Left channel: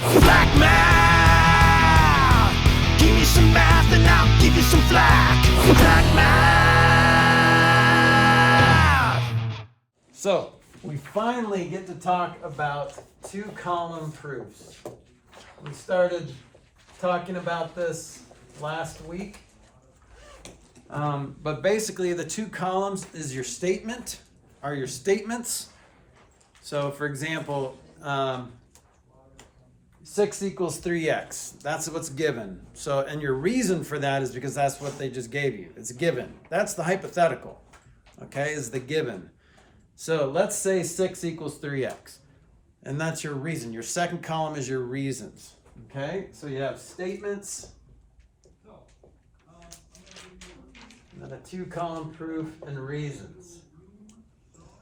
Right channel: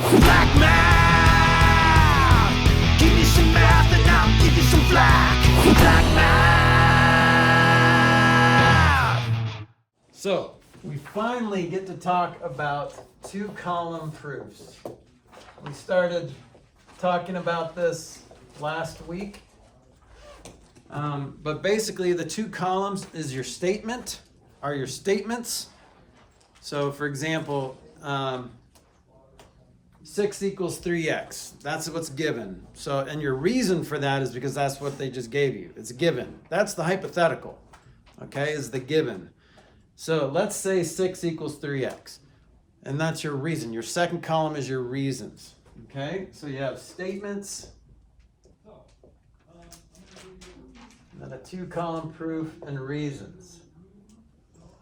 Flack math! Give me some math and I'll give you some flack. Flack math! So, we finally get to talk about two-column proofs. We started talking about this last week. But basically the two columns is your statement, are your statements. So for example, 6 equals 3x. That's what's given. So, and your reason for that is because that's what they just gave you. It's given. That's the hypothetical, okay, is the given. So let's say 6 equals 3x. And that's your reason. Your second column is your reasons, okay? So you have statements, and then a two-column proof and reasons.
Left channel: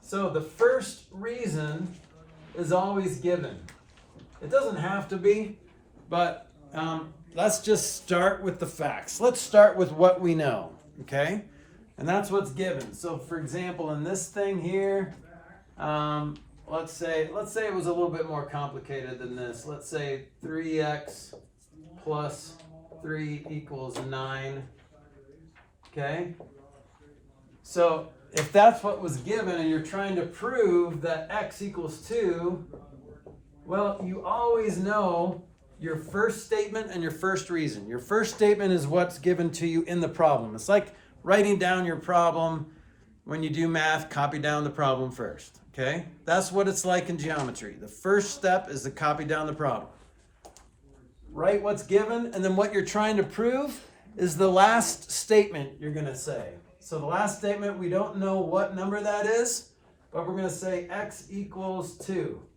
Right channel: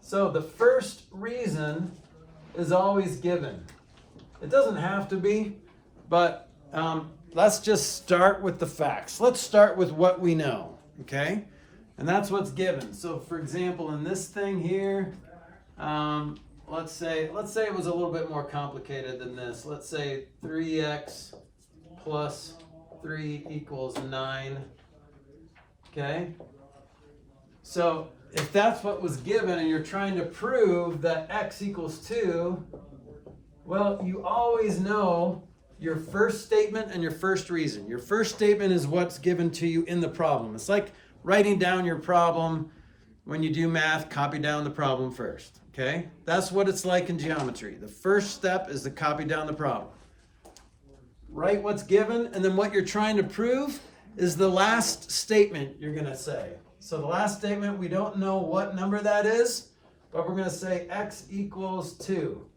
So the first reason is always given. It doesn't have to be, but let's just start with the facts. Let's start with what we know, okay? And that's what's given. So for example, in this thing here, let's say it was a little bit more complicated than this. Let's say 3x plus 3 equals 9. Okay? So if that's what was given and you're trying to prove that x equals 2, well, you always know your first statement and your first reason. Your first statement is what's given to you in the problem. It's like writing down your problem. When you do math, copy down the problem first. Okay? That's what it's like in geometry. The first step is to copy down the problem. Write what's given, and then what you're trying to prove is the last statement you're going to say. So the last statement, we don't know what number that is, but we're going to say x equals 2.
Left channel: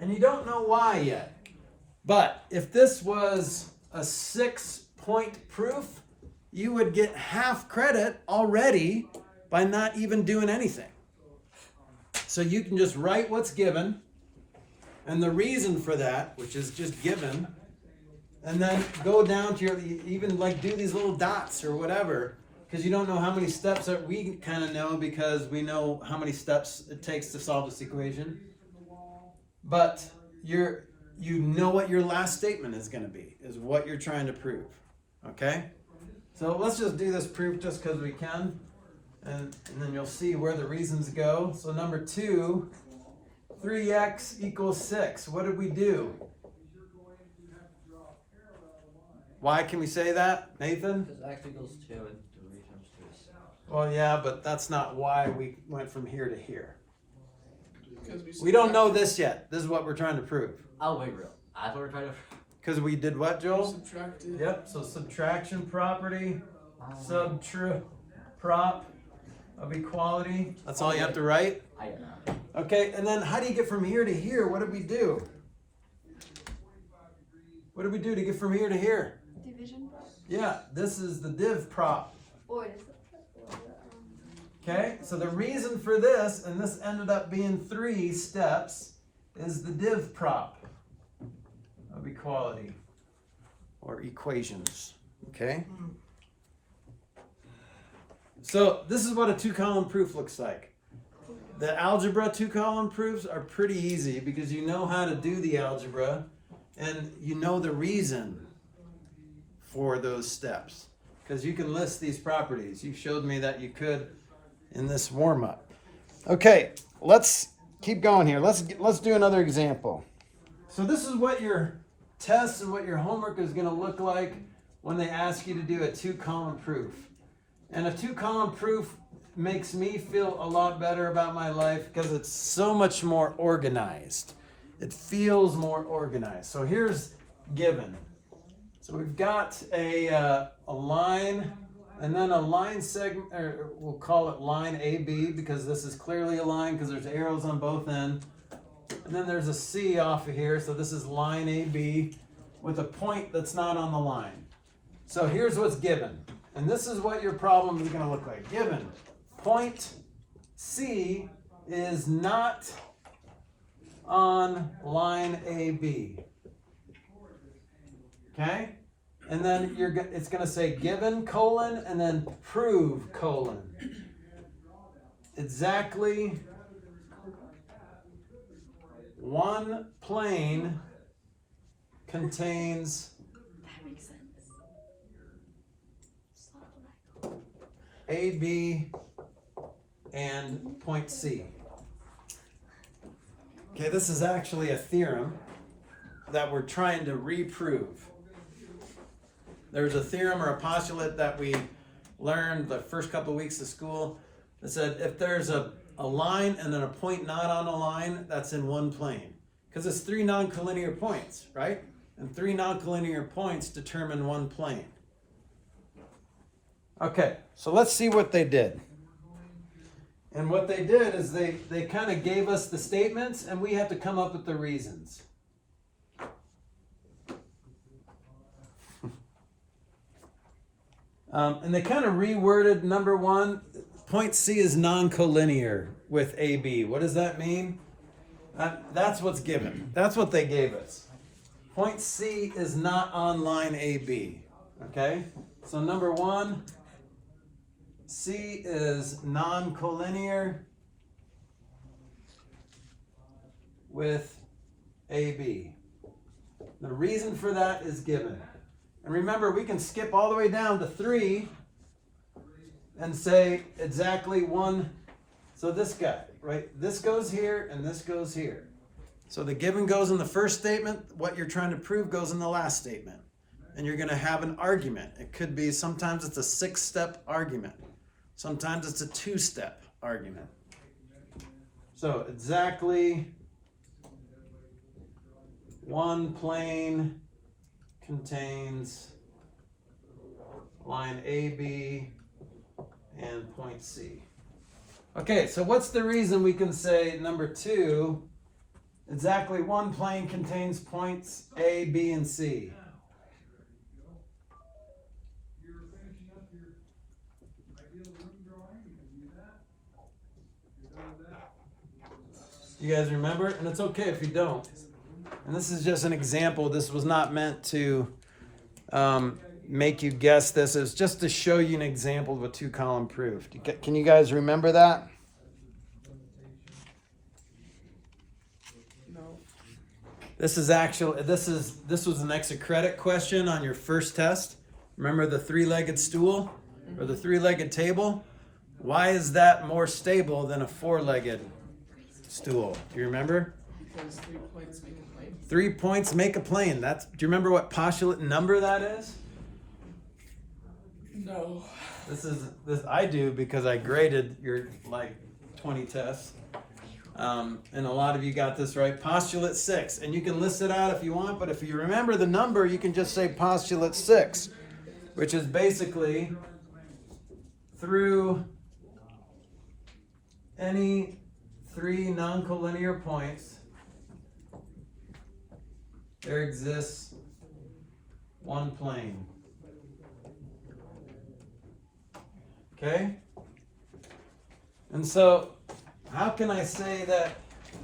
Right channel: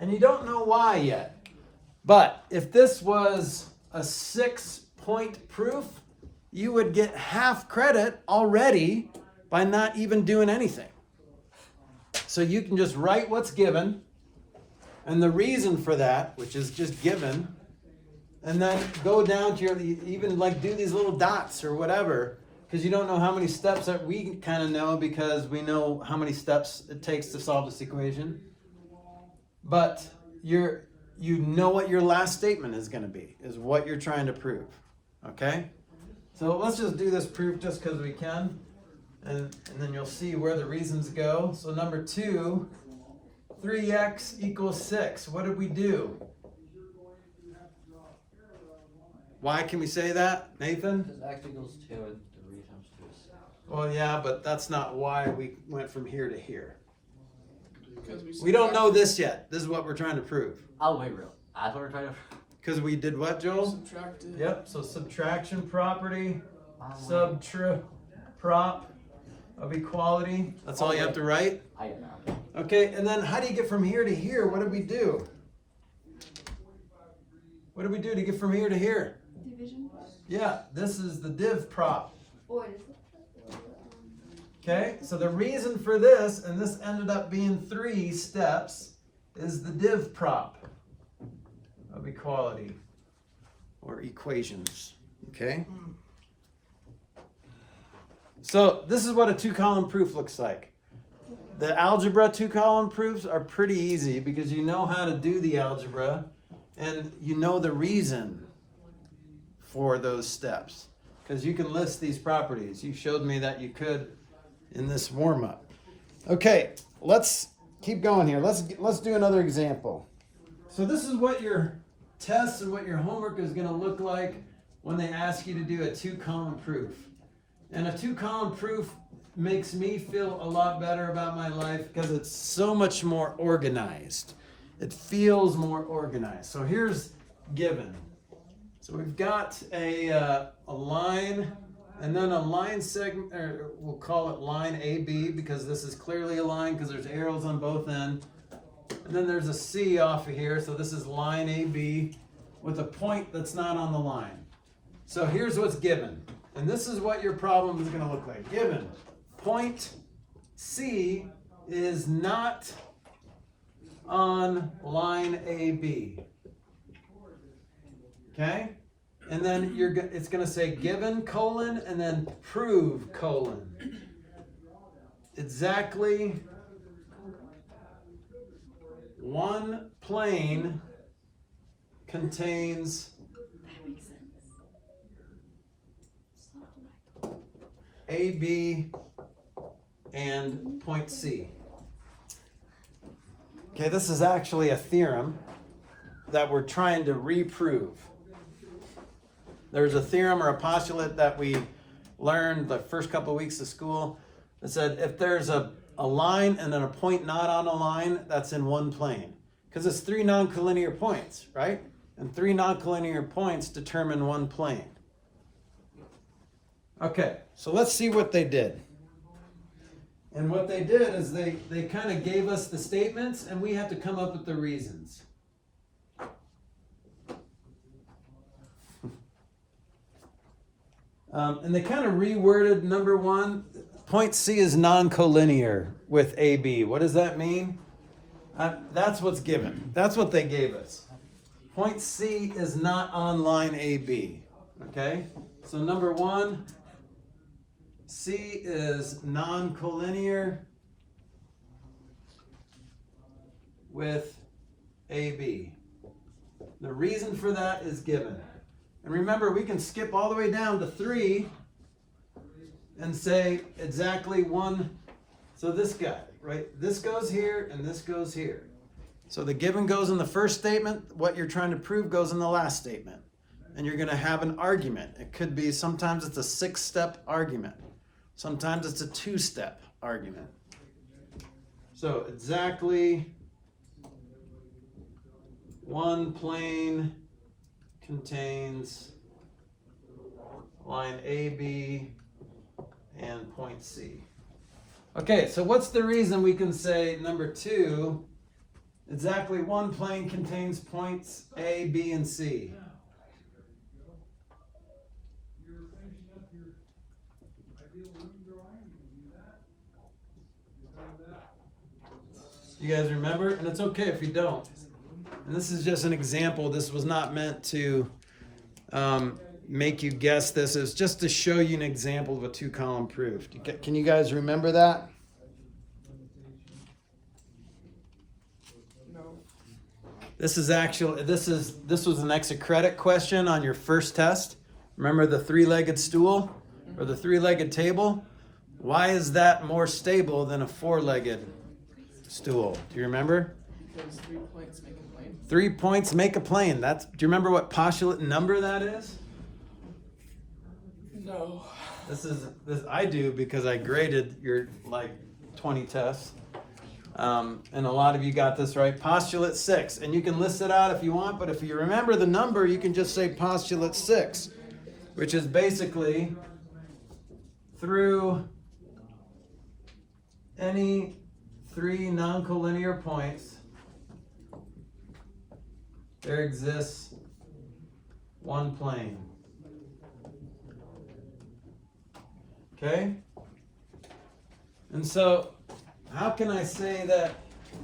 And you don't know why yet. But if this was a 6-point proof, you would get half credit already by not even doing anything. So you can just write what's given and the reason for that, which is just given, and then go down to your, even like do these little dots or whatever, because you don't know how many steps that we kind of know because we know how many steps it takes to solve this equation. But you know what your last statement is going to be, is what you're trying to prove. Okay? So let's just do this proof just because we can. And then you'll see where the reasons go. So number 2, 3x equals 6. What did we do? Why can we say that, Nathan? Because x equals 2 and 3 times 2 is 6. Well, yeah, but that's not why we went from here to here. We don't know this yet. This is what we're trying to prove. Oh, wait, real. I thought we were trying to... Because we did what, Joel? Subtracted. Yep, so subtraction property, prop of equality. That's all you have to write? I get now. Okay, and then how do you get from here to here? What did we do? What did we do to get from here to here? Division. Yeah, this is the div prop. Or is it? Okay, so the reason for this, and this ended up being 3 steps, is the div prop of equality or equations. Okay? So this is what a two-column proof looks like. The algebra two-column proofs are pretty easy because you know how to do the algebra and you know the reason for those steps. Because you can list these properties. You showed me that you could in this warm-up. Okay, let's keep going here. Let's do another example. So this is what your tests and what your homework is going to look like when they ask you to do a two-column proof. And a two-column proof makes me feel a lot better about my life because it's so much more organized. It feels more organized. So here's given. So we've got a line and then a line segment, or we'll call it line AB because this is clearly a line because there's arrows on both ends. And then there's a C off of here, so this is line AB with a point that's not on the line. So here's what's given. And this is what your problem is going to look like. Given point C is not on line AB. Okay? And then it's going to say given colon and then prove colon. Exactly one plane contains That makes sense. AB and point C. Okay, this is actually a theorem that we're trying to reprove. There's a theorem or a postulate that we learned the first couple of weeks of school that said if there's a line and then a point not on a line, that's in one plane. Because it's three non-collinear points, right? And three non-collinear points determine one plane. Okay, so let's see what they did. And what they did is they kind of gave us the statements and we had to come up with the reasons. And they kind of reworded number one. Point C is non-collinear with AB. What does that mean? That's what's given. That's what they gave us. Point C is not on line AB. Okay? So number one, C is non-collinear with AB. The reason for that is given. And remember, we can skip all the way down to 3 and say exactly one. So this guy, right? This goes here and this goes here. So the given goes in the first statement. What you're trying to prove goes in the last statement. And you're going to have an argument. It could be, sometimes it's a 6-step argument. Sometimes it's a 2-step argument. So exactly one plane contains line AB and point C. Okay, so what's the reason we can say number 2, exactly one plane contains points A, B, and C? You guys remember? And it's okay if you don't. And this is just an example. This was not meant to make you guess this. It was just to show you an example of a 2-column proof. Can you guys remember that? No. This was an extra credit question on your first test. Remember the 3-legged stool or the 3-legged table? Why is that more stable than a 4-legged stool? Do you remember? Because 3 points make a plane. 3 points make a plane. Do you remember what postulate number that is? No. This I do because I graded your 20 tests. And a lot of you got this right. Postulate 6. And you can list it out if you want, but if you remember the number, you can just say postulate 6, which is basically through any 3 non-collinear points, there exists one plane. Okay? And so, how can I say that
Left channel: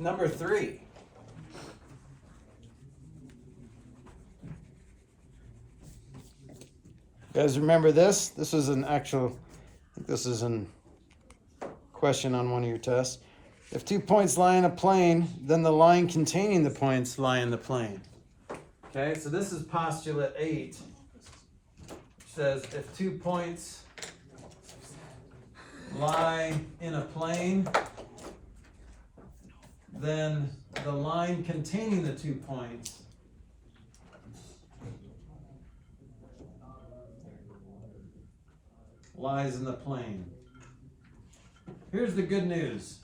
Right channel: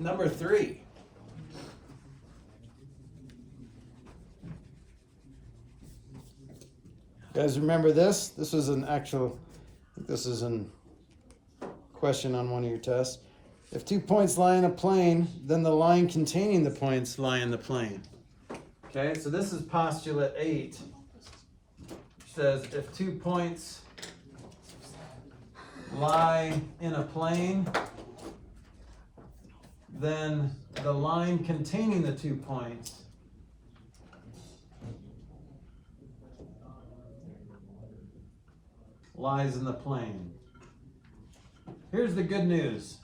number 3? You guys remember this? This is an actual, this is a question on one of your tests. If 2 points lie in a plane, then the line containing the points lie in the plane. Okay, so this is postulate 8. Which says if 2 points lie in a plane, then the line containing the 2 points lies in the plane. Here's the good news.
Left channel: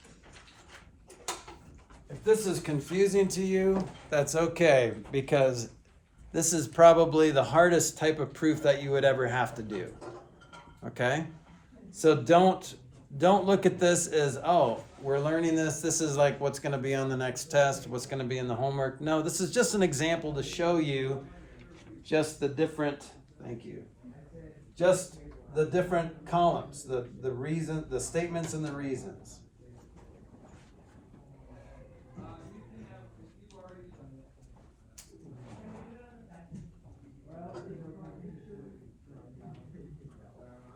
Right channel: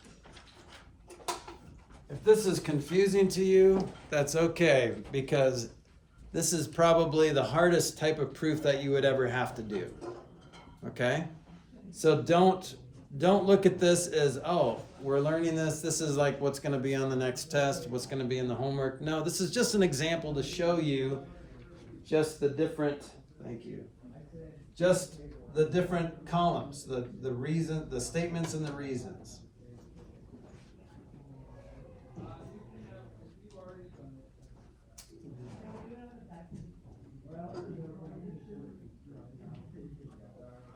If this is confusing to you, that's okay, because this is probably the hardest type of proof that you would ever have to do. Okay? So don't look at this as, oh, we're learning this. This is like what's going to be on the next test, what's going to be in the homework. No, this is just an example to show you just the different, thank you, just the different columns, the reason, the statements and the reasons.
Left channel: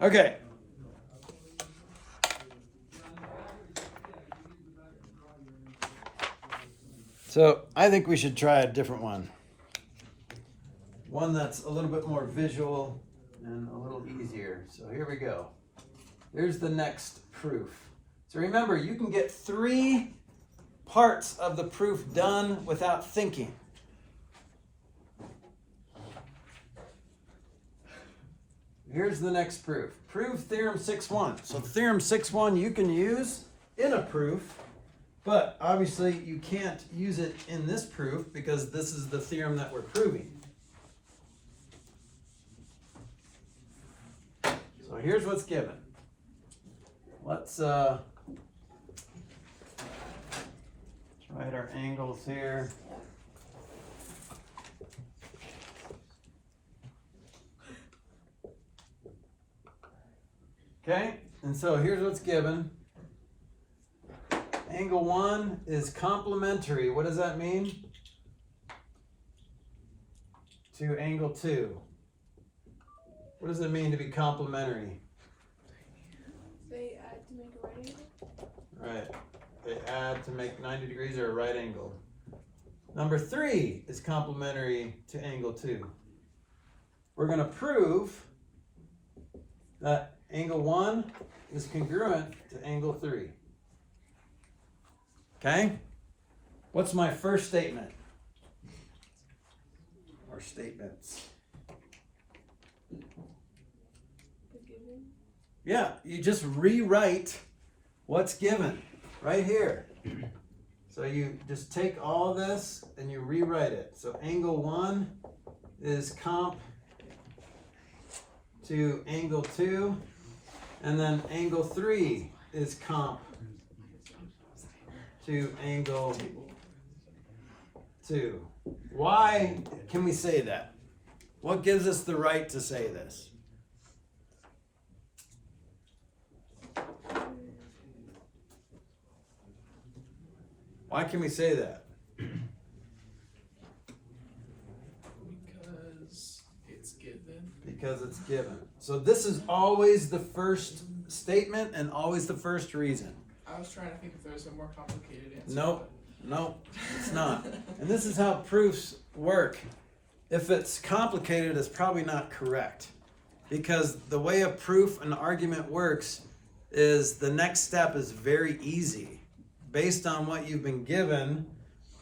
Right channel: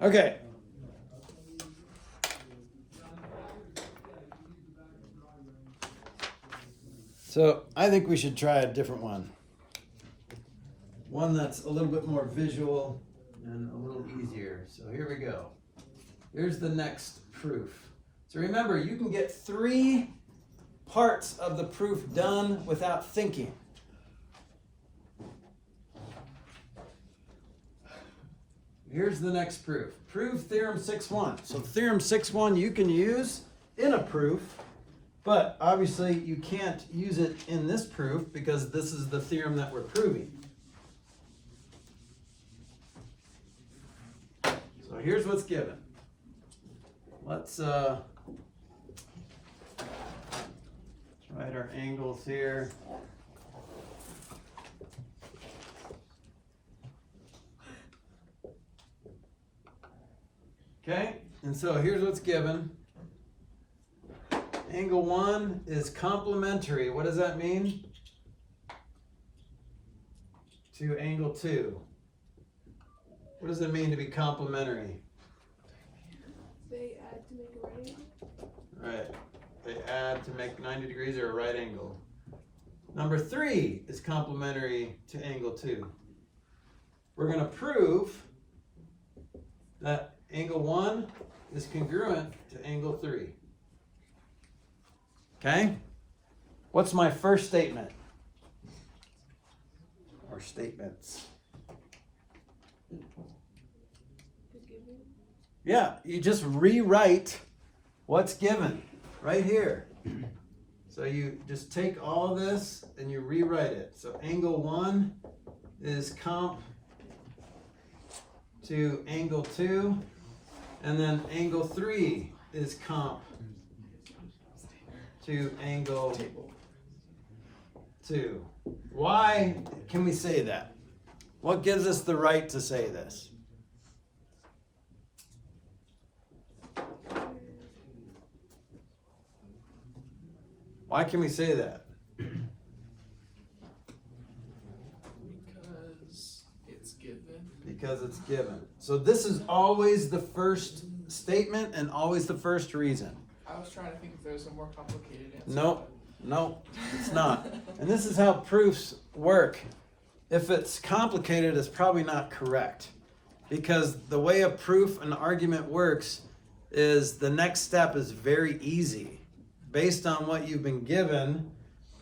Okay. So I think we should try a different one. one that's a little bit more visual and a little easier. So here we go. Here's the next proof. So remember, you can get 3 parts of the proof done without thinking. Here's the next proof. Prove theorem 6.1. So theorem 6.1 you can use in a proof, but obviously you can't use it in this proof because this is the theorem that we're proving. So here's what's given. Let's write our angles here. Okay, and so here's what's given. Angle 1 is complementary. What does that mean? To angle 2. What does it mean to be complementary? They add to make a right angle. Right. They add to make 90 degrees or a right angle. Number 3 is complementary to angle 2. We're going to prove that angle 1 is congruent to angle 3. Okay? What's my first statement? Or statements? Yeah, you just rewrite what's given right here. So you just take all of this and you rewrite it. So angle 1 is comp to angle 2, and then angle 3 is comp to angle 2. Why can we say that? What gives us the right to say this? Why can we say that? Because it's given. Because it's given. So this is always the first statement and always the first reason. I was trying to think if there's a more complicated answer. Nope, it's not. And this is how proofs work. If it's complicated, it's probably not correct. Because the way a proof and argument works is the next step is very easy. Based on what you've been given,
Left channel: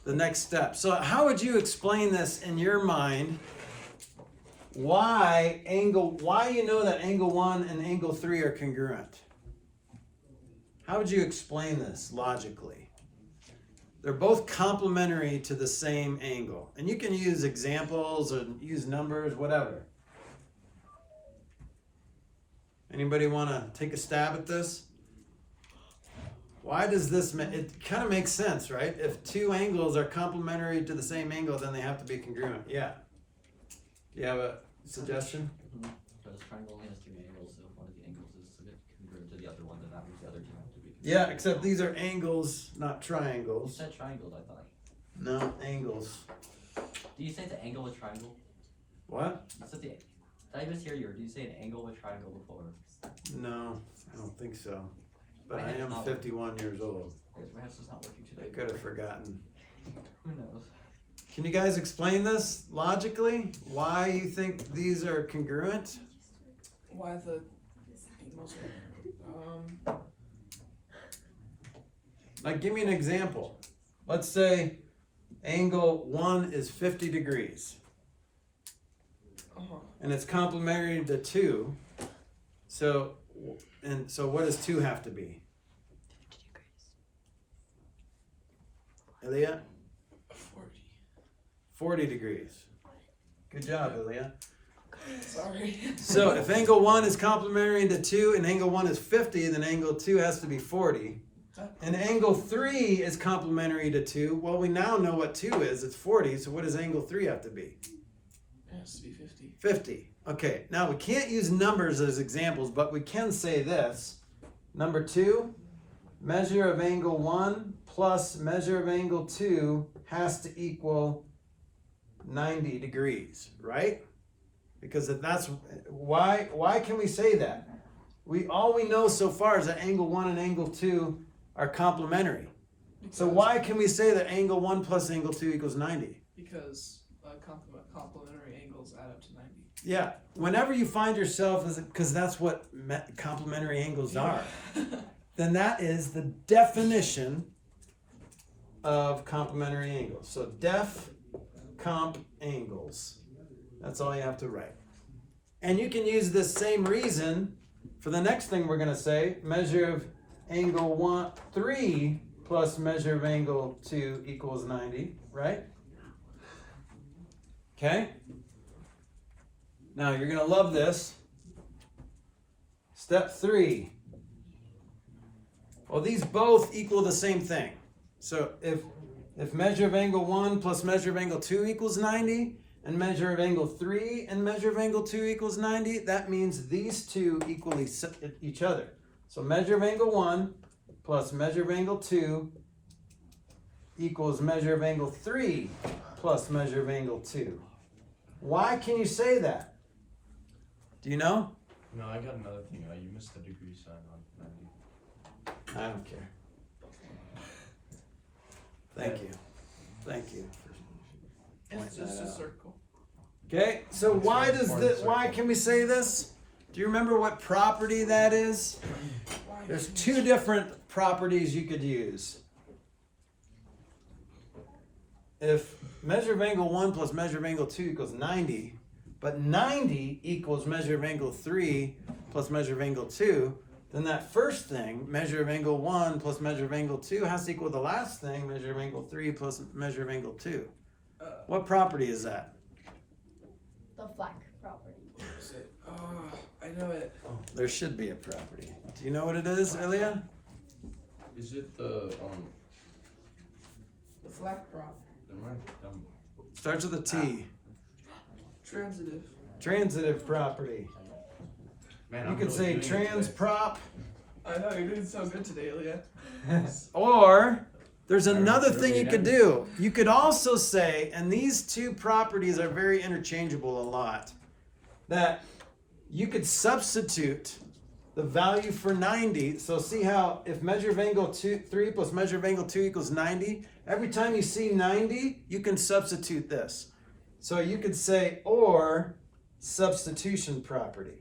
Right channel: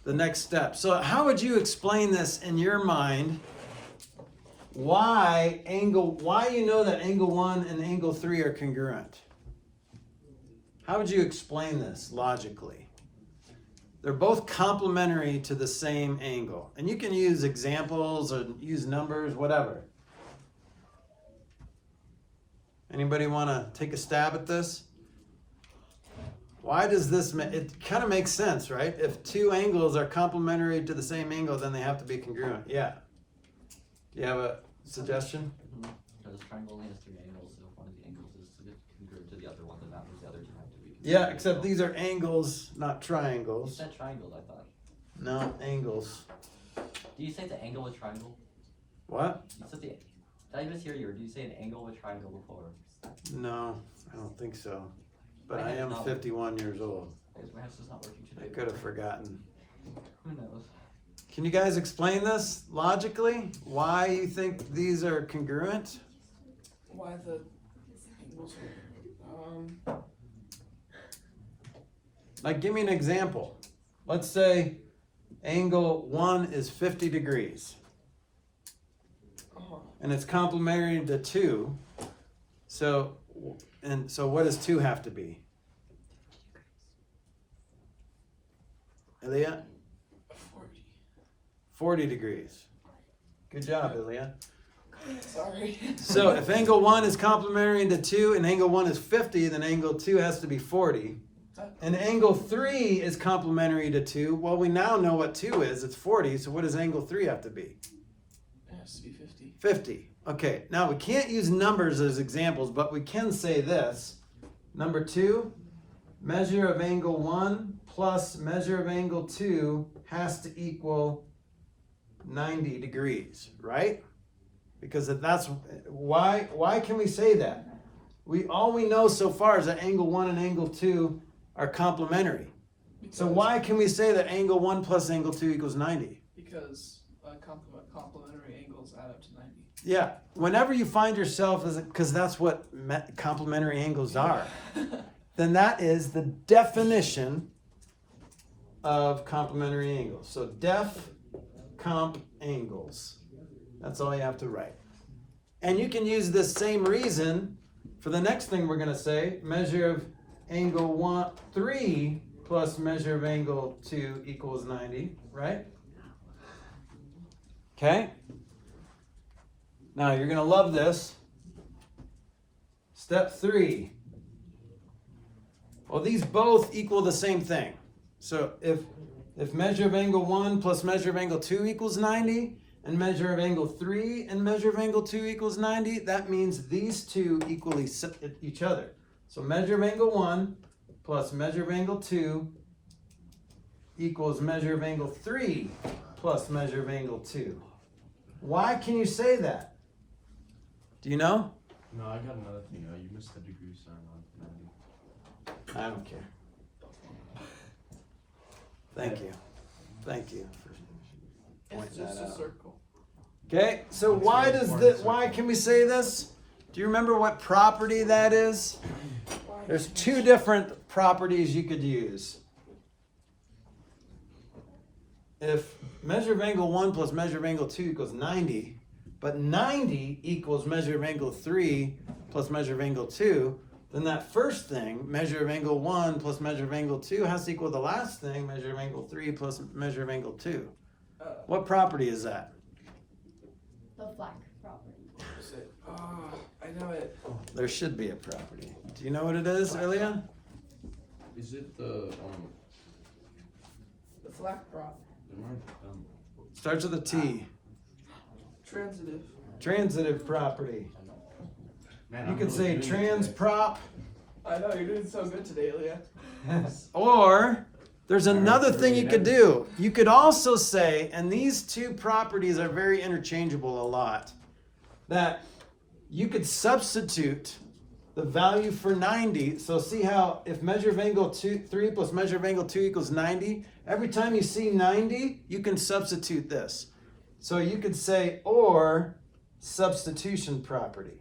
the next step. So how would you explain this in your mind? Why you know that angle 1 and angle 3 are congruent? How would you explain this logically? They're both complementary to the same angle. And you can use examples or use numbers, whatever. Anybody want to take a stab at this? Why does this, it kind of makes sense, right? If 2 angles are complementary to the same angle, then they have to be congruent. Yeah. Do you have a suggestion? Because triangle only has 3 angles, so if one of the angles is congruent to the other one, then that means the other 2 have to be congruent. Yeah, except these are angles, not You triangles. said triangles, I thought. No, angles. Do you say the angle with triangle? What? You said did I just hear you, or do you say an angle with triangle before? No, I don't think so. But My I am head's not- 51 years old. Because my house is not working I today. could have forgotten. Who knows? Can you guys explain this logically? Why you think these are congruent? Why the angles are, Like, give me an example. Let's say angle 1 is 50 degrees. And it's complementary to 2. So what does 2 have to be? 50 degrees. Ilya? 40. 40 degrees. Good job, Ilya. Sorry. So if angle 1 is complementary to 2 and angle 1 is 50, then angle 2 has to be 40. And angle 3 is complementary to 2. Well, we now know what 2 is. It's 40. So what does angle 3 have to be? It has to be 50. 50. Okay, now we can't use numbers as examples, but we can say this. Number 2, measure of angle 1 plus measure of angle 2 has to equal 90 degrees, right? Because that's why can we say that? All we know so far is that angle 1 and angle 2 are complementary. So why can we say that angle 1 plus angle 2 equals 90? Because complementary angles add Yeah, whenever you find yourself, because that's what complementary angles are, then that is the definition of complementary angles. So def comp angles. That's all you have to write. And you can use this same reason for the next thing we're going to say. Measure of angle 3 plus measure of angle 2 equals 90, right? Okay? Now you're going to love this. Step 3. Well, these both equal the same thing. So if measure of angle 1 plus measure of angle 2 equals 90, and measure of angle 3 and measure of angle 2 equals 90, that means these two equal each other. So measure of angle 1 plus measure of angle 2 equals measure of angle 3 plus measure of angle 2. Why can you say that? Do you know? No, I got another thing. You missed the degree sign on 90. I don't care. Thank you. Thank you. It's just a circle. Okay, so why can we say this? Do you remember what property that is? There's two different properties you could use. If measure of angle 1 plus measure of angle 2 equals 90, but 90 equals measure of angle 3 plus measure of angle 2, then that first thing, measure of angle 1 plus measure of angle 2, has to equal the last thing, measure of angle 3 plus measure of angle 2. What property is that? The Flack property. I know it. There should be a property. Do you know what it is, Ilya? Is it the The Flack prop. Starts with a T. Transitive. Transitive property. Man, You I'm could really say doing it trans today. prop, I know, you're doing so good today, Leah. or there's another Alright, thing you really could nice. do. You could also say, and these two properties are very interchangeable a lot, that you could substitute the value for 90. So see how if measure of angle 3 plus measure of angle 2 equals 90, every time you see 90, you can substitute this. So you could say, or substitution property.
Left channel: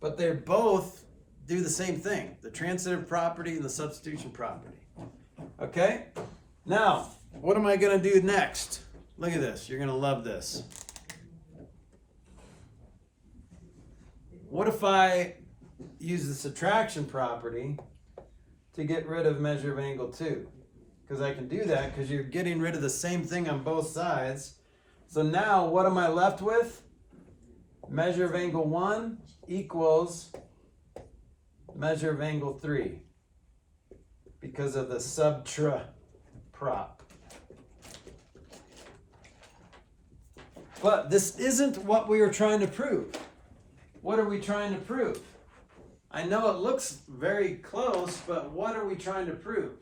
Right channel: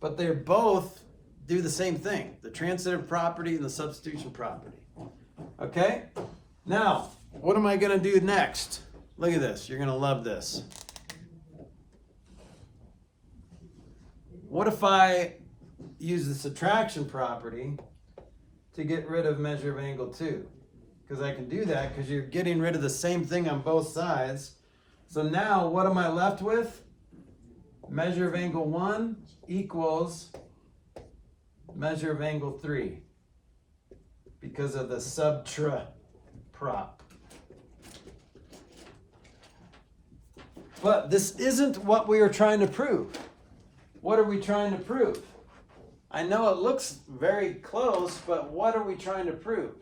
But they both do the same thing, the transitive property and the substitution property. Okay? Now, what am I going to do next? Look at this. You're going to love this. What if I use the subtraction property to get rid of measure of angle 2? Because I can do that because you're getting rid of the same thing on both sides. So now what am I left with? Measure of angle 1 equals measure of angle 3 because of the subtra prop. But this isn't what we are trying to prove. What are we trying to prove? I know it looks very close, but what are we trying to prove?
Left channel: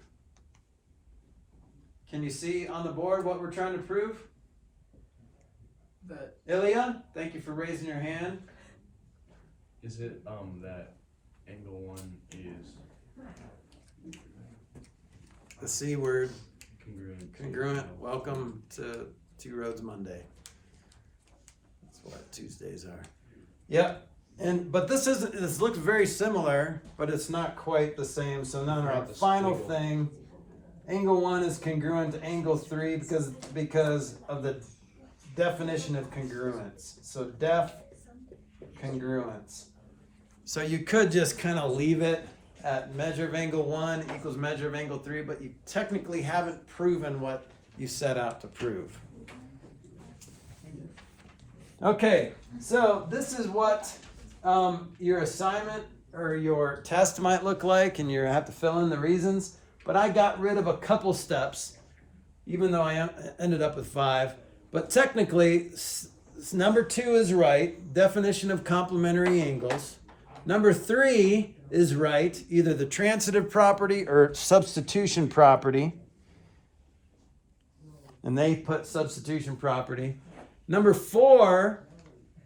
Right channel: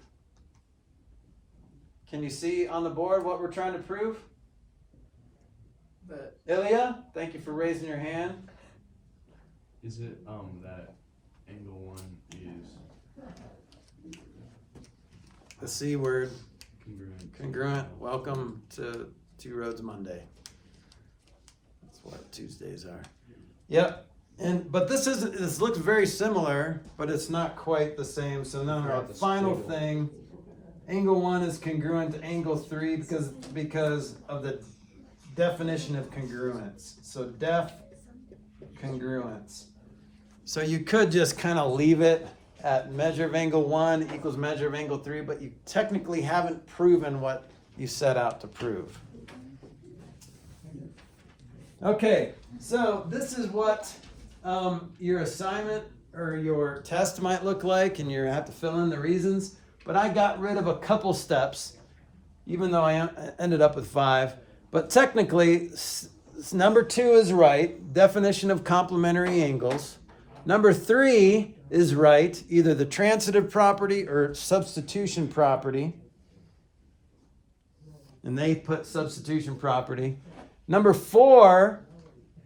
Can you see on the board what we're trying to prove? That Ilya, thank you for raising your hand. Is it that angle 1 is The C word, congruent? congruent. Welcome to Two Roads Monday. That's what Tuesdays are. Yep. But this looks very similar, but it's not quite the same. So now our Right, the final squiggle. thing, angle 1 is congruent to angle 3 because of the definition of congruence. So def congruence. So you could just kind of leave it at measure of angle 1 equals measure of angle 3, but you technically haven't proven what you set out to prove. Okay, so this is what your assignment or your test might look like, and you have to fill in the reasons. But I got rid of a couple steps, even though I ended up with 5. But technically, number 2 is right, definition of complementary angles. Number 3 is right, either the transitive property or substitution property. And they put substitution property. Number 4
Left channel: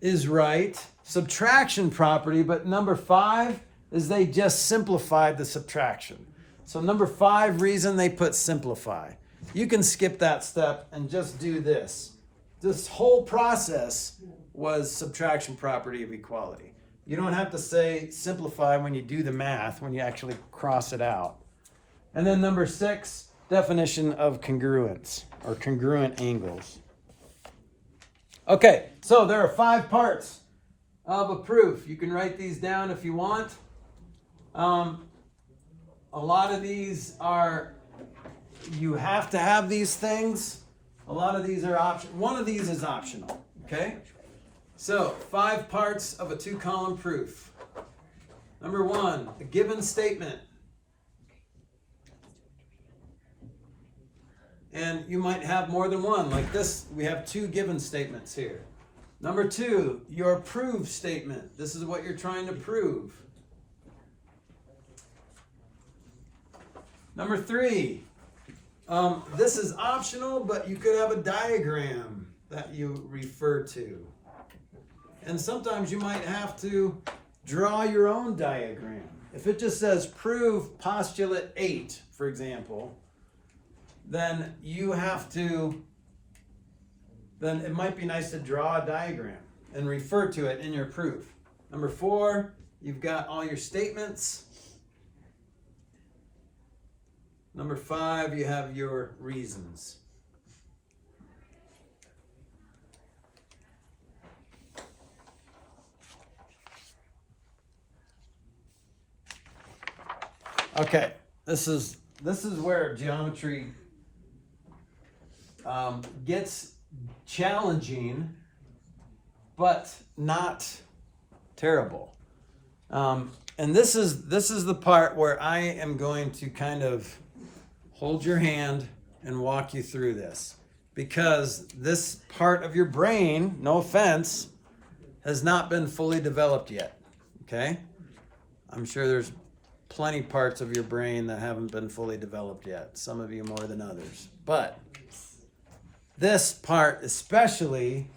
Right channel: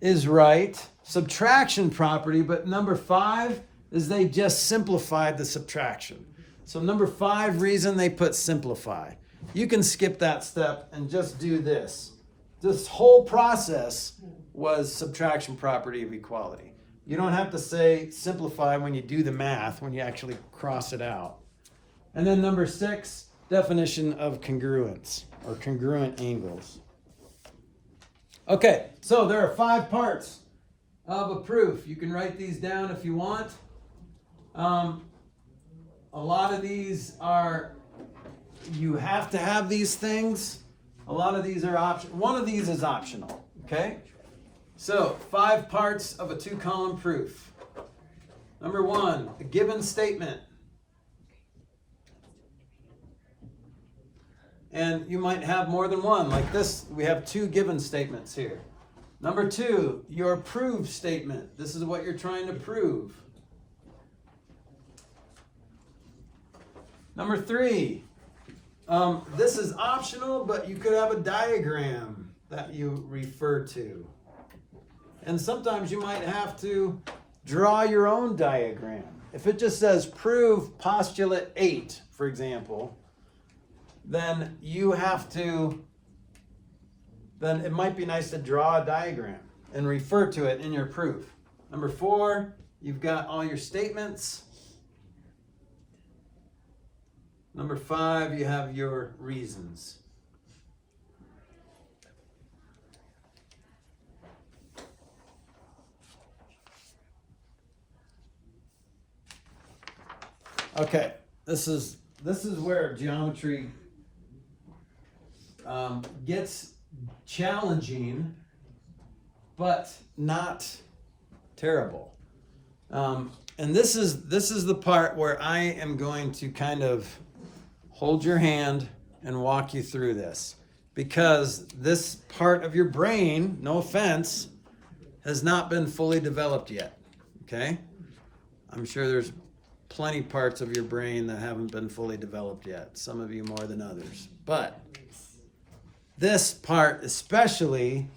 is right, subtraction property, but number 5 is they just simplified the subtraction. So number 5 reason they put simplify. You can skip that step and just do this. this whole process was subtraction property of equality. You don't have to say simplify when you do the math, when you actually cross it out. And then number 6, definition of congruence or congruent angles. Okay, so there are 5 parts of a proof. You can write these down if you want. A lot of these are, you have to have these things. A lot of these are optional. One of these is optional, okay? So, 5 parts of a 2-column proof. Number 1, a given statement. And you might have more than one. Like this, we have 2 given statements here. Number 2, your prove statement. This is what you're trying to prove. Number 3, this is optional, but you could have a diagram that you refer to. And sometimes you might have to draw your own diagram. If it just says prove postulate 8, for example, then it might be nice to draw a diagram and refer to it in your proof. Number 4, you've got all your statements. Number 5, you have your reasons. Okay, this is where geometry gets challenging, but not terrible. And this is the part where I am going to kind of hold your hand and walk you through this, because this part of your brain, no offense, has not been fully developed yet. Okay? I'm sure there's plenty parts of your brain that haven't been fully developed yet. Some of you more than others. But this part especially,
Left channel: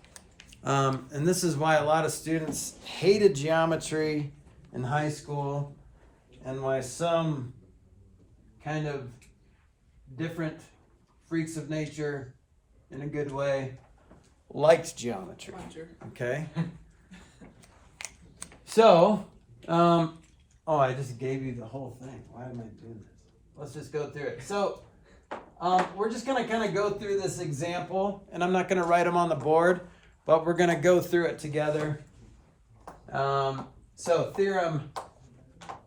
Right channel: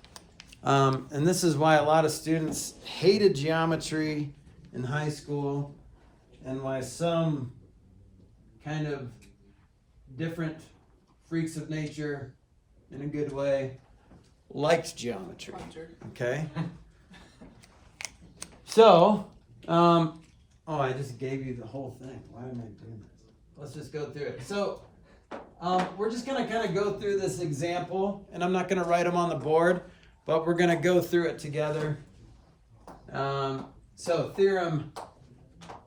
and this is why a lot of students hated geometry in high school, and why some kind of different freaks of nature, in a good way, liked geometry. Okay? So, I just gave you the whole thing. Why am I doing this? Let's just go through it. So, we're just going to kind of go through this example, and I'm not going to write them on the board, but we're going to go through it together. So, theorem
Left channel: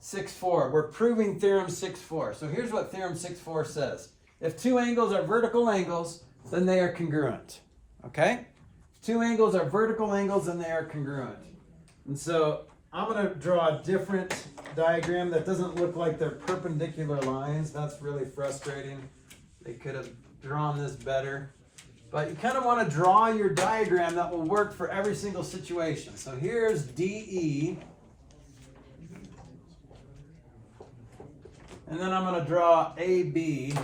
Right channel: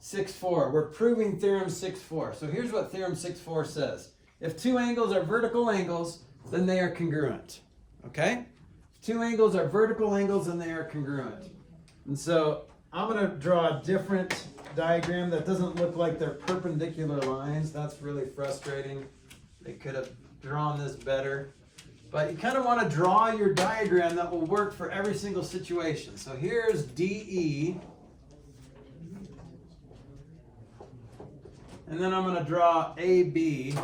6.4. We're proving theorem 6.4. So, here's what theorem 6.4 says. If 2 angles are vertical angles, then they are congruent. Okay? If 2 angles are vertical angles, then they are congruent. And so, I'm going to draw a different diagram that doesn't look like they're perpendicular lines. That's really frustrating. They could have drawn this better. But you kind of want to draw your diagram that will work for every single situation. So here's DE. And then I'm going to draw AB.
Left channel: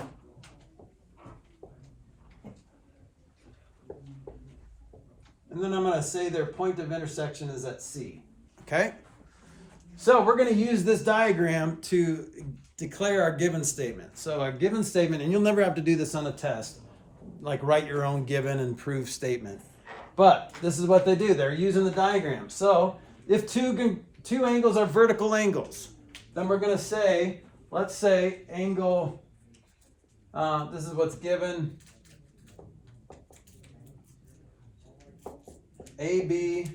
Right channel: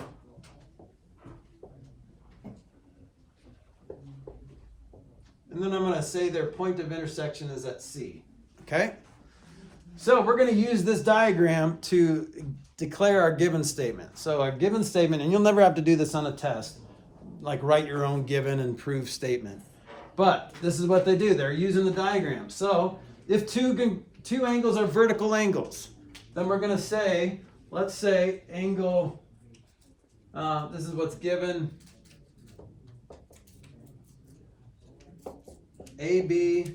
And then I'm going to say their point of intersection is at C. Okay? So we're going to use this diagram to declare our given statement. So our given statement, and you'll never have to do this on a test, like write your own given and prove statement. But this is what they do. They're using the diagram. So if two angles are vertical angles, then we're going to say, let's say angle, this is what's given, AB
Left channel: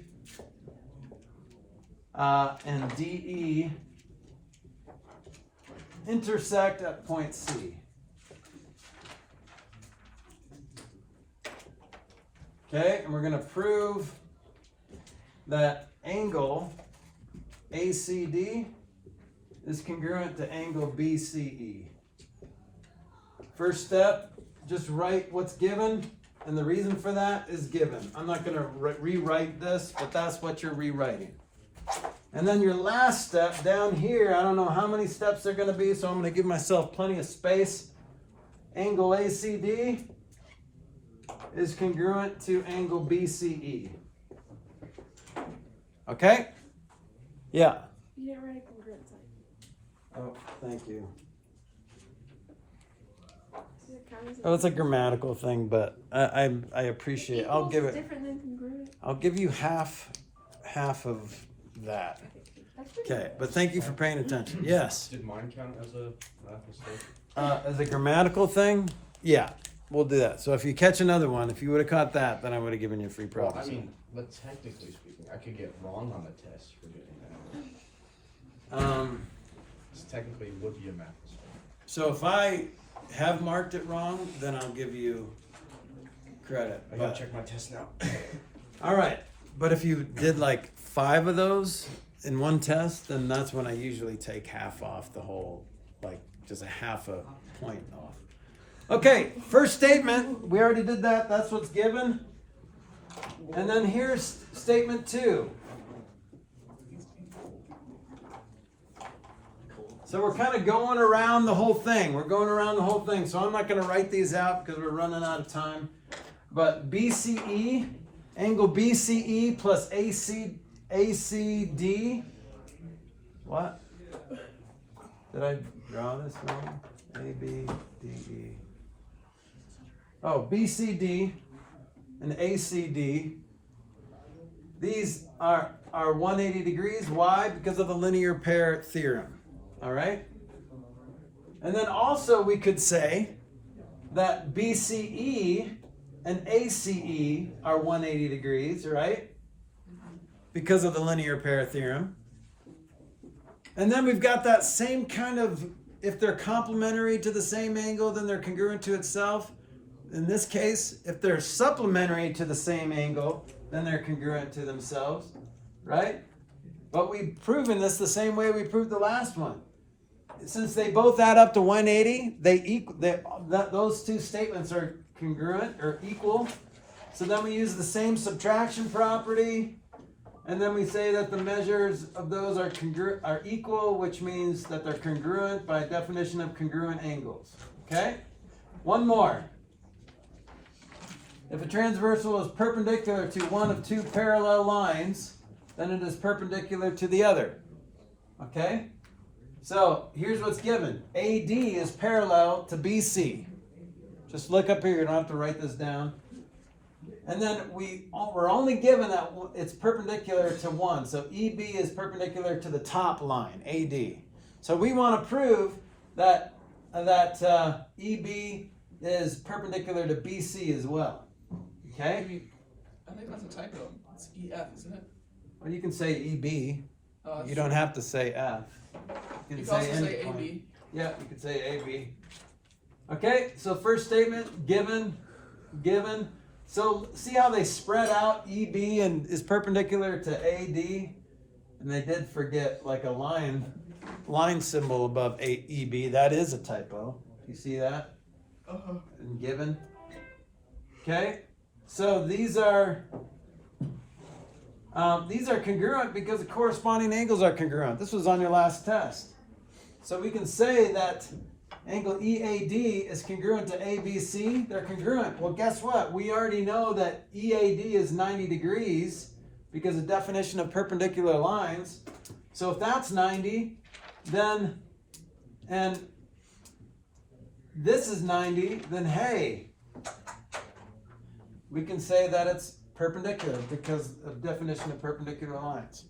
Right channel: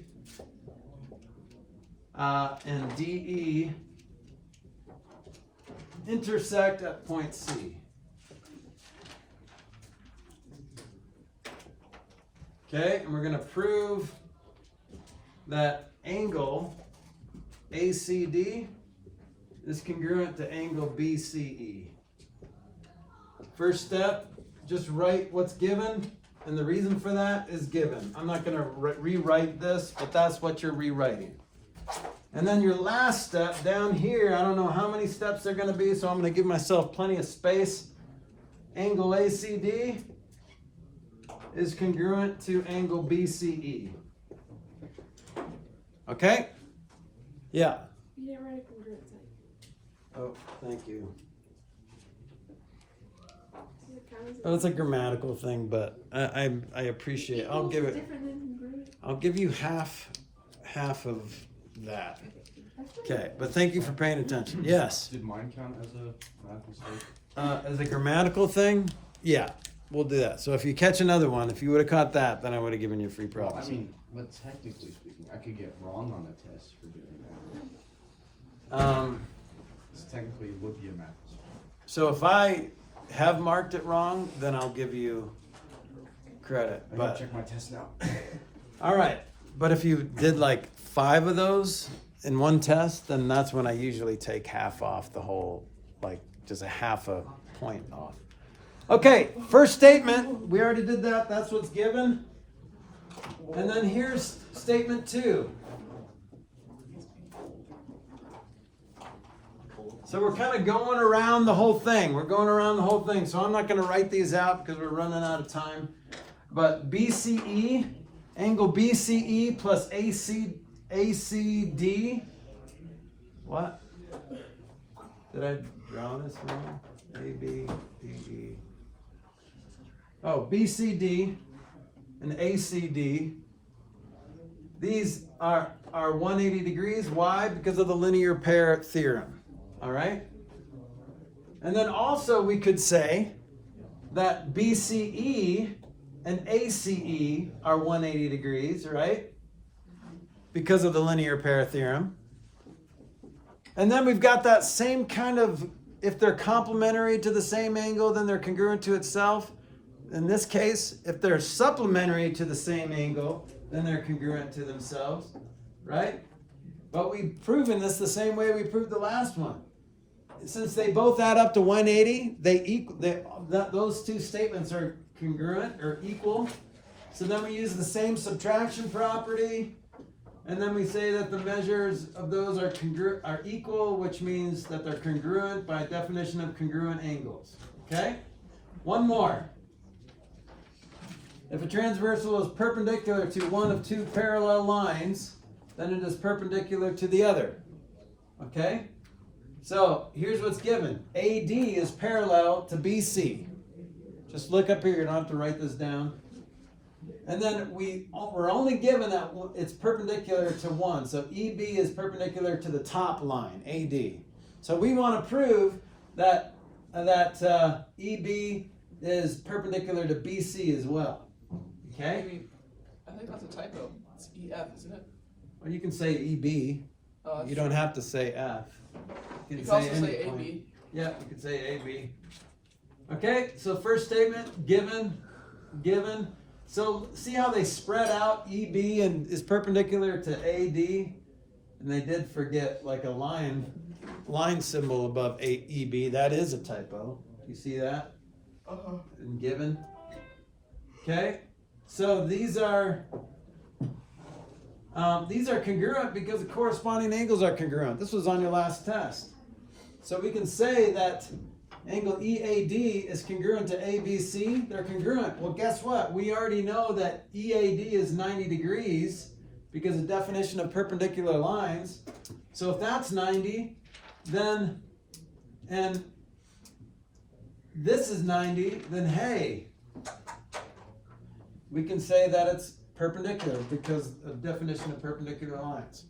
and DE intersect at point C. Okay, and we're going to prove that angle ACD is congruent to angle BCE. First step, just write what's given, and the reason for that is given. I'm not going to rewrite this, but that's what you're rewriting. And then your last step down here, I don't know how many steps they're going to be, so I'm going to give myself plenty of space. Angle ACD is congruent to angle BCE. Okay? Yeah. You didn't write a congruent sign. Oh, thank you. Is it How is it? Oh, it's a grammatical thing, but I appreciate. I'll Equals give is it. different than congruent. I'll give you half of that. That's pretty Okay, but thank you for paying attention. Yes. Did mine count as a math mistake? As a grammatical thing, yeah, we'll do that. So if you catch another one, if you would have caught that, then I would have given you a free Well, I prophecy. mean, but technically speaking, I could get wrong on a test for doing that. This technically would be a math mistake. So if I have marked it wrong, then I'll give you credit. I gotta But- check my test now. all right, but if you did like 5 of those in one test, then that's when I usually take half off the whole, like just a half a point off. Okay, first statement, we already did that, that's what's given. And then here's statement 2. So we're kind of going around the whole thing. We're going around the whole thing. So I'm not going to write these out because we're running out of time. But BCE, angle BCE plus ACD. What? Did I draw this wrong? ABDE. Oh, BCD and ACD. These are 180 degrees. Why? Because of the linear pair theorem. All right? And then also we could say that BCE and ACE are 180 degrees, right? Because of the linear pair theorem. And then we've got that same kind of, if they're complementary to the same angle, then they're congruent to itself. In this case, if they're supplementary to the same angle, then they're congruent to themselves, right? But we've proven this the same way we proved the last one. Since they both add up to 180, those two statements are congruent or equal. So then we use the same subtraction property, and then we say that the measures of those are equal, which means that they're congruent by definition of congruent angles. Okay? One more. If a transversal is perpendicular to one of 2 parallel lines, then it is perpendicular to the other. Okay? So here's what's given. AD is parallel to BC. Just look up here, you don't have to write this down. And then we're only given that it's perpendicular to 1. So EB is perpendicular to the top line, AD. So we want to prove that EB is perpendicular to BC as well. Okay? I think that's a typo. It's EF, isn't it? Well, you can say EB. Oh, You don't have to say F. You can also any say point. AB. Yeah, you could say AB. Okay, so first statement, given. So see how they spread out EB and is perpendicular to AD? And they did forget like a line symbol above EB. That is a typo. You see that? And given. Okay, so these are congruent because the corresponding angles are congruent. This was on your last test. So we can say that angle EAD is congruent to ABC. They're congruent. Well, guess what? We already know that EAD is 90 degrees because of definition of perpendicular lines. So if that's 90, then, and this is 90, then hey, we can say that it's perpendicular because of definition of perpendicular lines.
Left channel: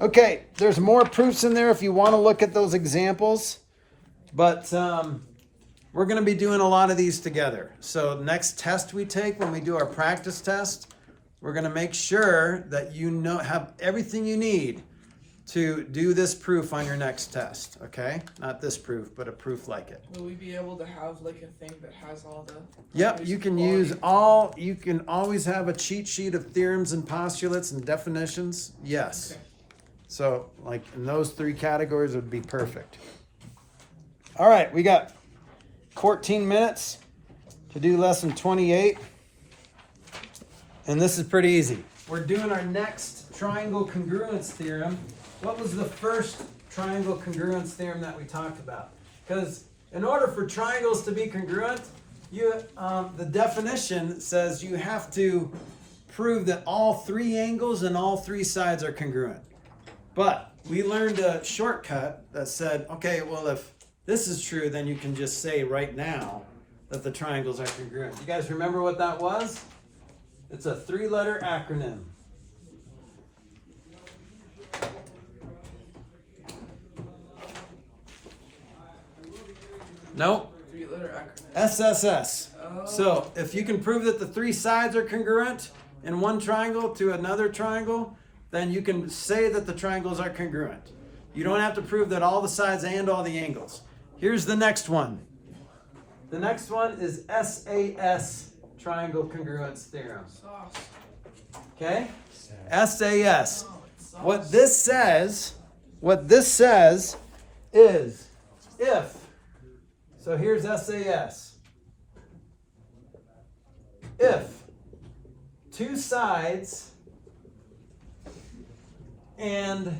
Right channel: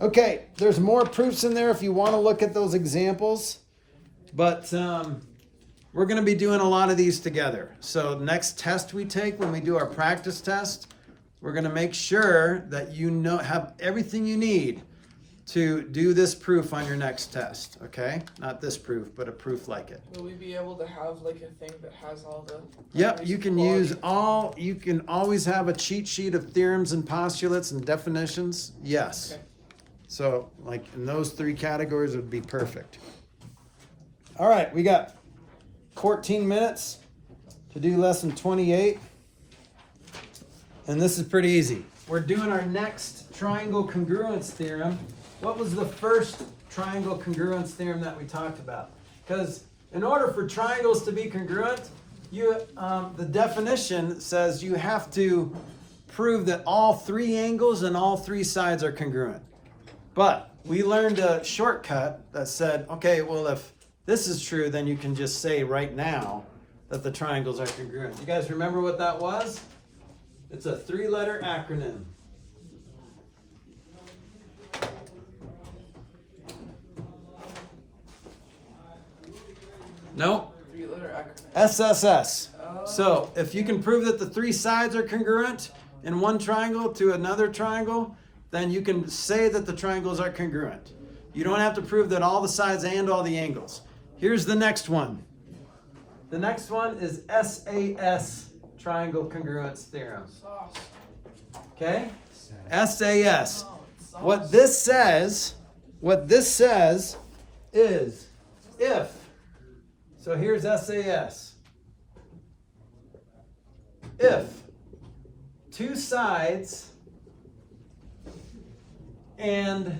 Okay, there's more proofs in there if you want to look at those examples, but we're going to be doing a lot of these together. So next test we take, when we do our practice test, we're going to make sure that you have everything you need to do this proof on your next test, okay? Not this proof, but a proof like it. Will we be able to have like a thing that has all the... Yep, you can you can always have a cheat sheet of theorems and postulates and definitions. Yes. Okay. So, like, in those 3 categories would be perfect. All right, we got 14 minutes to do lesson 28. And this is pretty easy. We're doing our next triangle congruence theorem. What was the first triangle congruence theorem that we talked about? Because in order for triangles to be congruent, the definition says you have to prove that all 3 angles and all 3 sides are congruent. But we learned a shortcut that said, okay, well, if this is true, then you can just say right now that the triangles are congruent. You guys remember what that was? It's a 3-letter acronym. Nope. 3-letter acronym. SSS. So if you can prove that the 3 sides are congruent in one triangle to another triangle, then you can say that the triangles are congruent. You don't have to prove that all the sides and all the angles. Here's the next one. The next one is SAS, triangle congruence theorem. Sauce. Okay? SAS. What this says is if, so here's SAS. If 2 sides and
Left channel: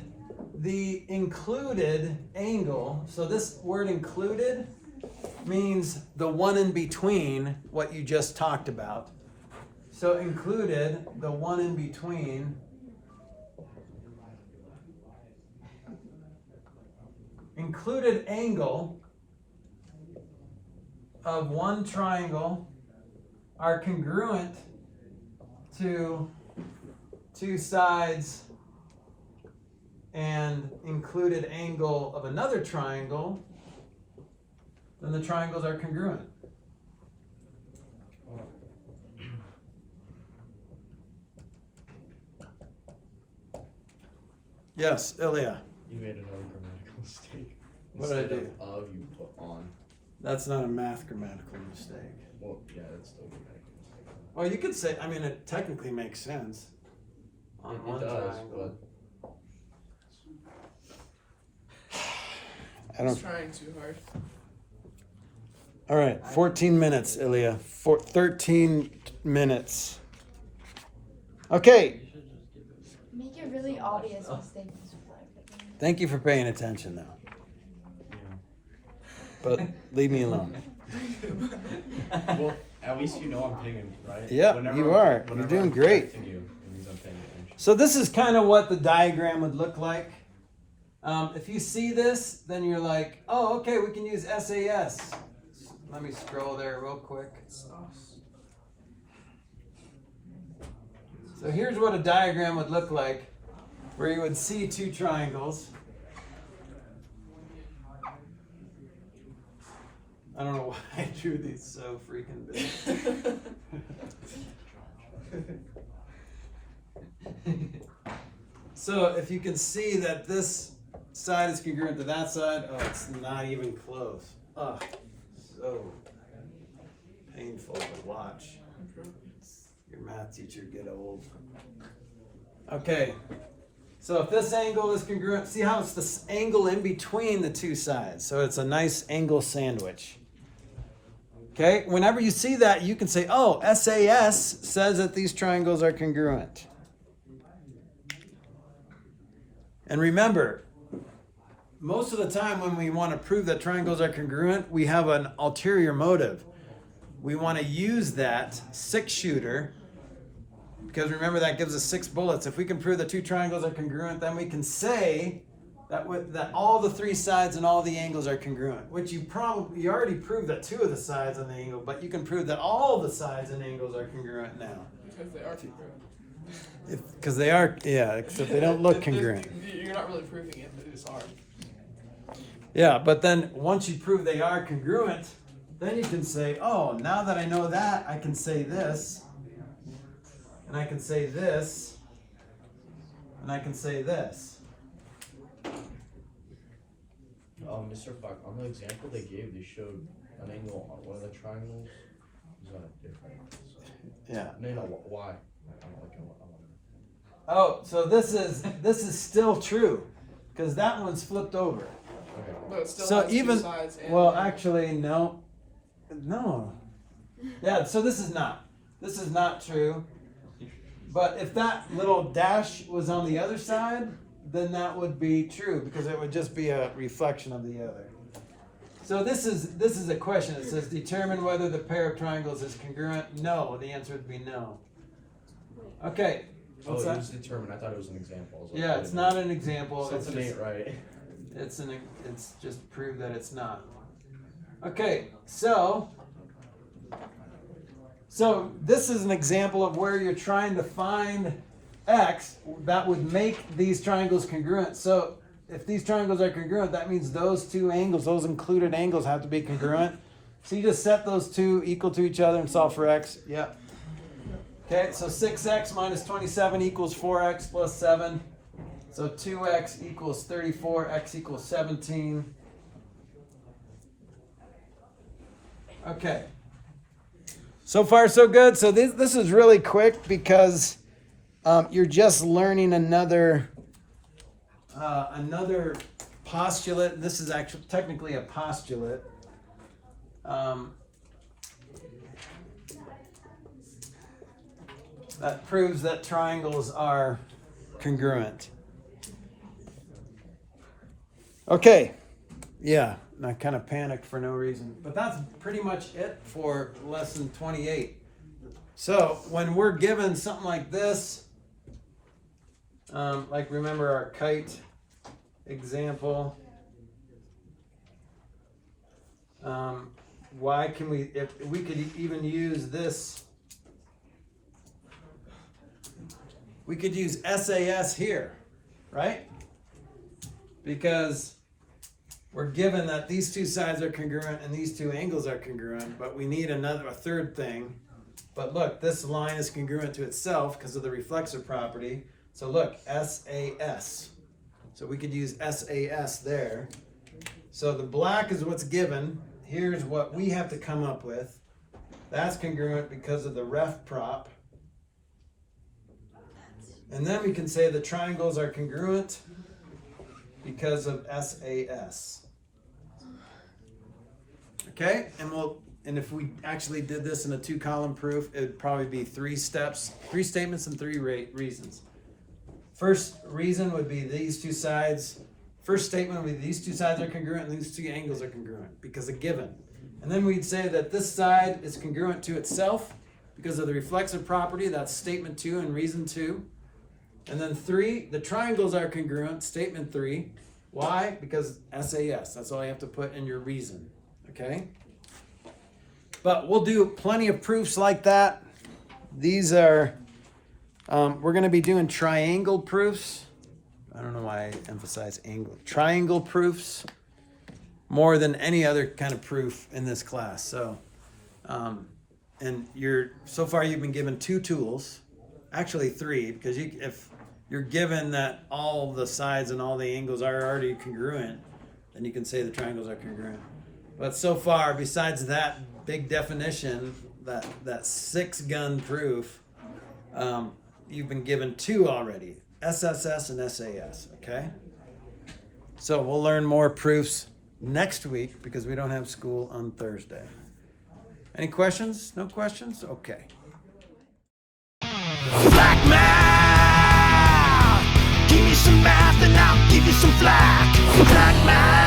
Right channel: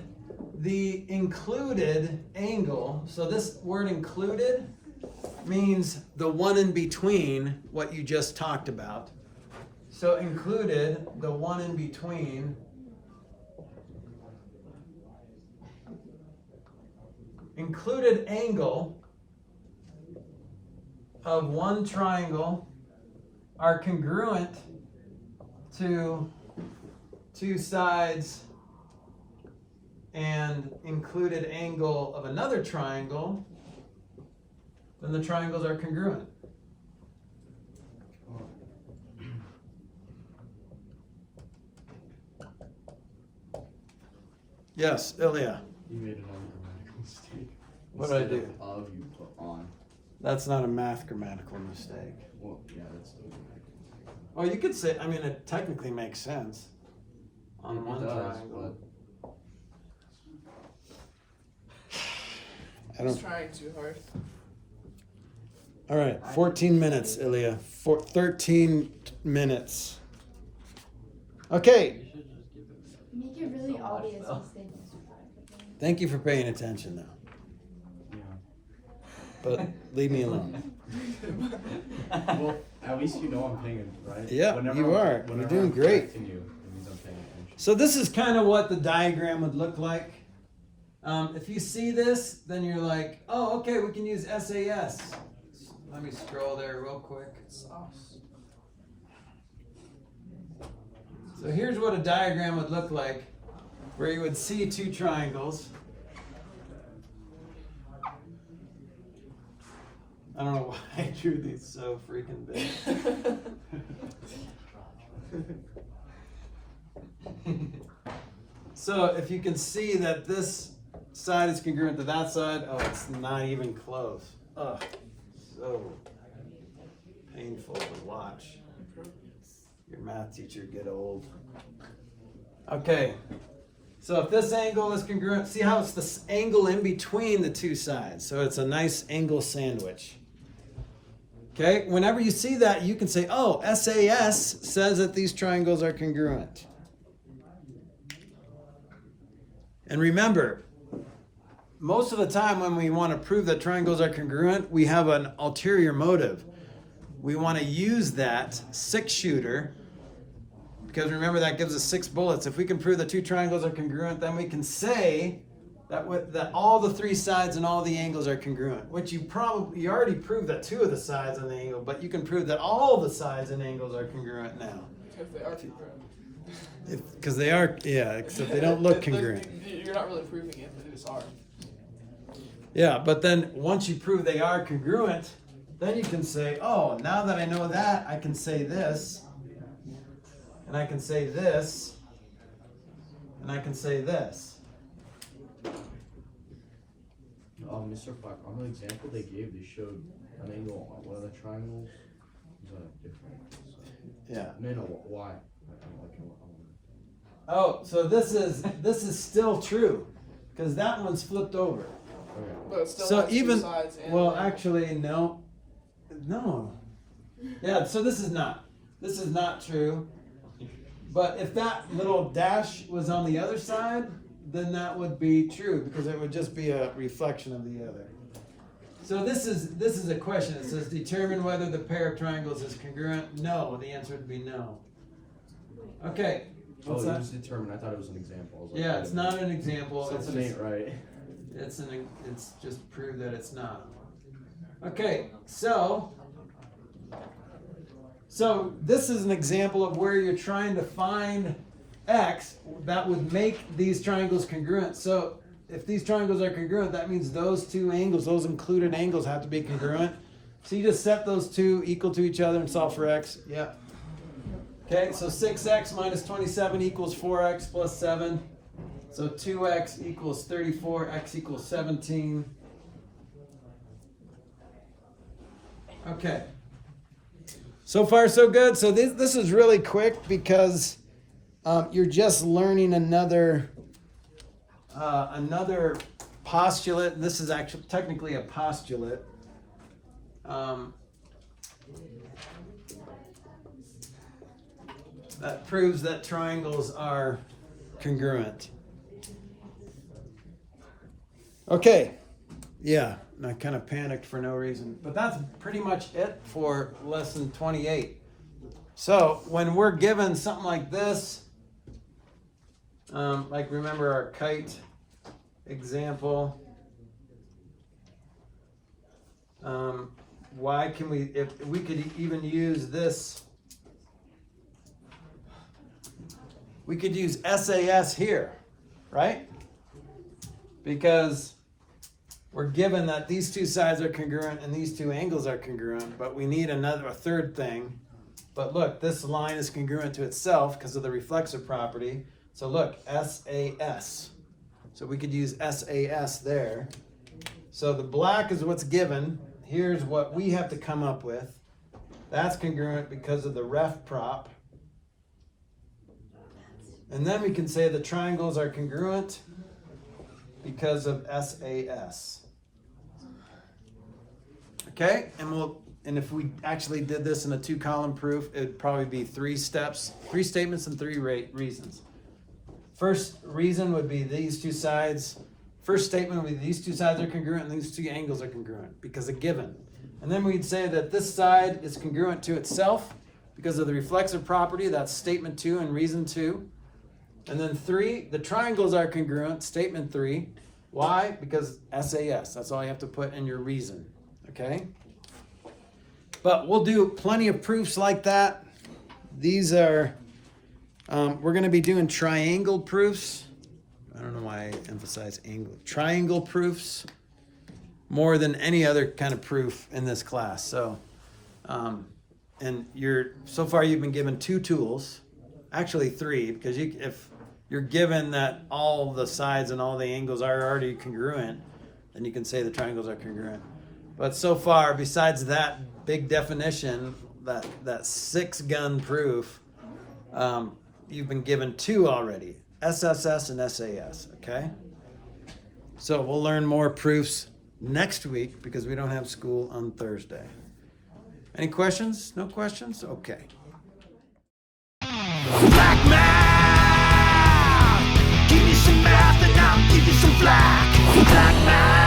the included angle, so this word included means the one in between what you just talked about. So included, the one in between, included angle of one triangle are congruent to 2 sides and included angle of another triangle, then the triangles are congruent. Yes, Ilya. You made another grammatical mistake. What did I Instead do? of you put on. That's not a math grammatical mistake. Well, yeah, that's still a grammatical mistake. Oh, you could say, I mean, it technically makes sense on It one does, triangle. I He's don't. trying too hard. All right, 14 minutes, Ilya. 13 minutes. Okay. Make it really obvious mistakes. Thank you for paying attention, though. Yeah. But leave me alone. Well, at least you know I'm paying it, right? Yeah, you are. You're doing I'm great. correcting you, it means I'm paying attention. So this is kind of what the diagram would look like. If you see this, then you're like, oh, okay, we can use SAS. Let me scroll there real quick. Sauce. So here's what a diagram would look like, where you would see 2 triangles. I don't know why I drew these so freaking big. So if you can see that this side is congruent to that side, oh, it's not even close. Ugh, so painful to watch. Your math teacher get old. Okay, so if this angle is congruent, see how it's the angle in between the 2 sides. So it's a nice angle sandwich. Okay, whenever you see that, you can say, oh, SAS says that these triangles are congruent. And remember, most of the time when we want to prove that triangles are congruent, we have an ulterior motive. We want to use that 6-shooter, because remember that gives us 6 bullets. If we can prove that 2 triangles are congruent, then we can say that all the 3 sides and all the angles are congruent, which you already proved that 2 of the sides and the angle, but you can prove that all the sides and angles are congruent now. If they are congruent. Because they are, yeah, except they don't look congruent. You're not really proving it, but it's hard. Yeah, but then once you prove they are congruent, then you can say, oh, now that I know that, I can say this, and I can say this, and I can say this. Mr. Flack, on the example they gave, they showed an angle on one of the triangles. Is that different? Yeah. No, why? I don't like it. Oh, so this is still true, because that one's flipped over. Okay. But it still So has 2 even, sides and well, actually, no. Yeah, so this is not true. But if that little dash was on the other side, then that would be true, because it would just be a reflection of the other. So this is a question. It says determine whether the pair of triangles is congruent. No, the answer would be no. Okay. Oh, what's it that? was determined. I thought it was an example. I was like, Yeah, wait it's a minute. not an example. Something ain't right. It's just prove that it's not. Okay, so So this is an example of where you're trying to find x that would make these triangles congruent. So if these triangles are congruent, that means those two angles, those included angles, have to be congruent. So you just set those two equal to each other and solve for x. Yeah. Okay, so 6x minus 27 equals 4x plus 7. So 2x equals 34, x equals 17. Okay. So far, so good. So this is really quick because you're just learning another postulate. This is actually technically a postulate. That proves that triangles are congruent. Okay, yeah, and I kind of panicked for no reason, but that's pretty much it for lesson 28. So when we're given something like this, like remember our kite example, why can we, if we could even use this, we could use SAS here, right? Because we're given that these two sides are congruent and these two angles are congruent, but we need a third thing. But look, this line is congruent to itself because of the reflexive property. So look, SAS. So we could use SAS there. So the black is what's given. Here's what we have to come up with. That's congruent because of the ref prop. And then we can say the triangles are congruent because of SAS. Okay, and if we actually did this in a 2-column proof, it'd probably be 3 steps, 3 statements and 3 reasons. First reason would be these two sides. First statement would be these two sides are congruent and these two angles are congruent because a given. And then we'd say that this side is congruent to itself because of the reflexive property. That's statement 2 and reason 2. And then 3, the triangles are congruent, statement 3. Why? Because SAS, that's all you have to put in your reason, okay? But we'll do plenty of proofs like that. These are, we're gonna be doing triangle proofs. I don't know why I emphasize angle. Triangle proofs more than any other kind of proof in this class. So, and so far you've been given 2 tools, actually 3, because if you're given that all the sides and all the angles are already congruent, then you can say the triangles are congruent. But so far, besides that big definition, that 6-gun proof, you've been given 2 already, SSS and SAS, okay? So we'll learn more proofs next week because we don't have school on Thursday. Any questions? No questions? Okay. Flack math, give me some math and I'll give you some flack. Flack math.